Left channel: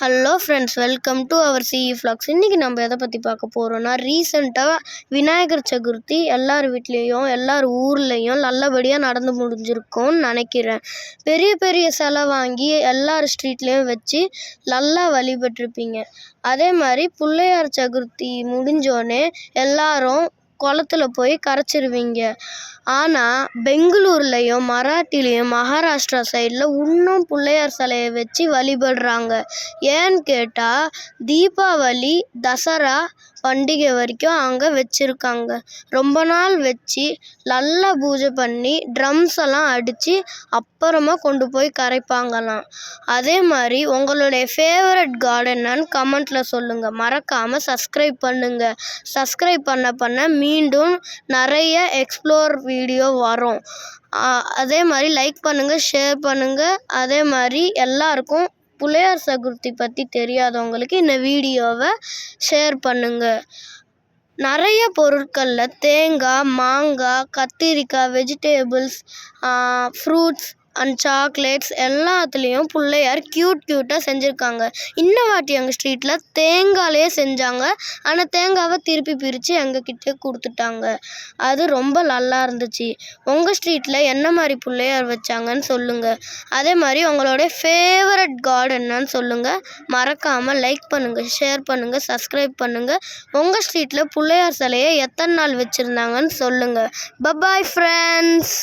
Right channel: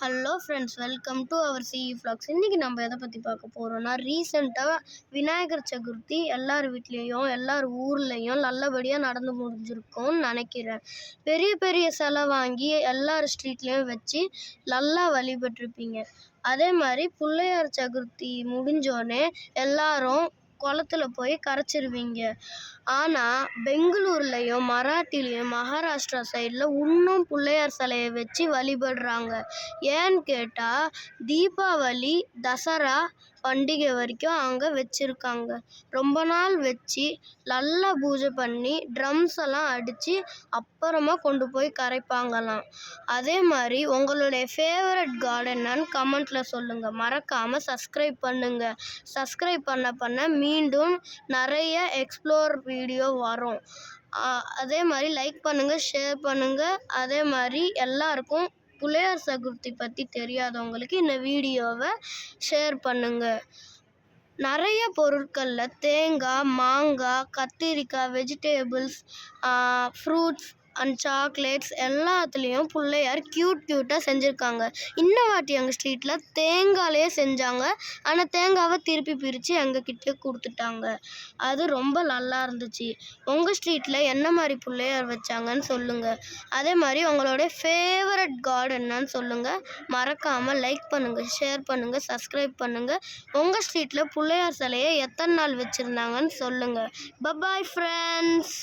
Hello friends, welcome to our CE vlogs. இன்றைக்கி நம்ம எதை பற்றி பார்க்க போகிறோன்னா, ரீசெண்டாக விநாயகர் சதுர்த்தி எல்லார் வீட்லேயும் எல்லார் ஊர்லேயும் நல்லபடியாக நடந்து முடிஞ்சிருக்கும்னு நினைக்கிறேன். பெரிய பெரிய சிலை வாங்கி எல்லார் ஸ்ட்ரீட்லேயும் வச்சு நல்லா வழிபட்டிருப்பீங்க. அதே மாதிரி பிள்ளையார் சதுர்த்தி முடிஞ்சோடனே எல்லாரும் குளத்துல போய் கரைச்சிருவீங்க. ஆனால் பெங்களூர்லேயும் மராட்டிலையும் மகாராஷ்டிரா சைடில் இன்னும் பிள்ளையார் சிலையை வச்சு வழிபடுறாங்க. ஏன்னு கேட்டால் தீபாவளி தசரா பண்டிகை வரைக்கும் அங்கே வச்சுருக்காங்க. ரொம்ப நாள் வச்சு நல்லா பூஜை பண்ணி ட்ரம்ஸ் எல்லாம் அடித்து அப்புறமா கொண்டு போய் கரைப்பாங்களாம். அதே மாதிரி உங்களுடைய ஃபேவரட் காட் என்னன்னு கமெண்ட்டில் சொல்லுங்கள். மறக்காமல் சப்ஸ்கிரைப் பண்ணுங்கள். சப்ஸ்கிரைப் பண்ண மீண்டும் நிறைய எக்ஸ்ப்ளோர் வீடியோ வரும். அதே மாதிரி லைக் பண்ணுங்கள், ஷேர் பண்ணுங்கள். அதே மாதிரி எல்லாருக்கும் பிள்ளையார் சதுர்த்தி பற்றி தெரியாதவங்களுக்கு இந்த வீடியோவை ஷேர் பண்ணுங்கள். நிறைய பொருட்களில் தேங்காய், மாங்காய், கத்திரிக்காய், வெஜிடேபிள்ஸ், ஃப்ரூட்ஸ் அண்ட் சாக்லேட்ஸ் எல்லாத்துலேயும் பிள்ளையார் க்யூட்டாக செஞ்சுருக்காங்க. இந்த வாட்டி எங்கள் ஸ்ட்ரீட்டில் தேங்காயிலே செஞ்சாங்க. ஆனால் தேங்காவை திருப்பி பிரித்து எங்ககிட்டே கொடுத்துட்டாங்க. அது ரொம்ப நல்லா இருந்துச்சு. உங்கள் ஸ்ட்ரீட்டில் என்ன மாதிரி பிள்ளையார் வச்சாங்கன்னு சொல்லுங்கள். அதே மாதிரி உங்களோட ஃபேவரட் காட் என்னன்னு சொல்லுங்கள். மறக்காமல் லைக் பண்ணுங்கள், ஷேர் பண்ணுங்கள், சப்ஸ்கிரைப் பண்ணுங்கள். உங்கள் ஸ்ட்ரீட்டில் பிள்ளையார் சிலையை எத்தனை நாள் வச்சுருந்தாங்கன்னு சொல்லுங்கள். Bye bye friends.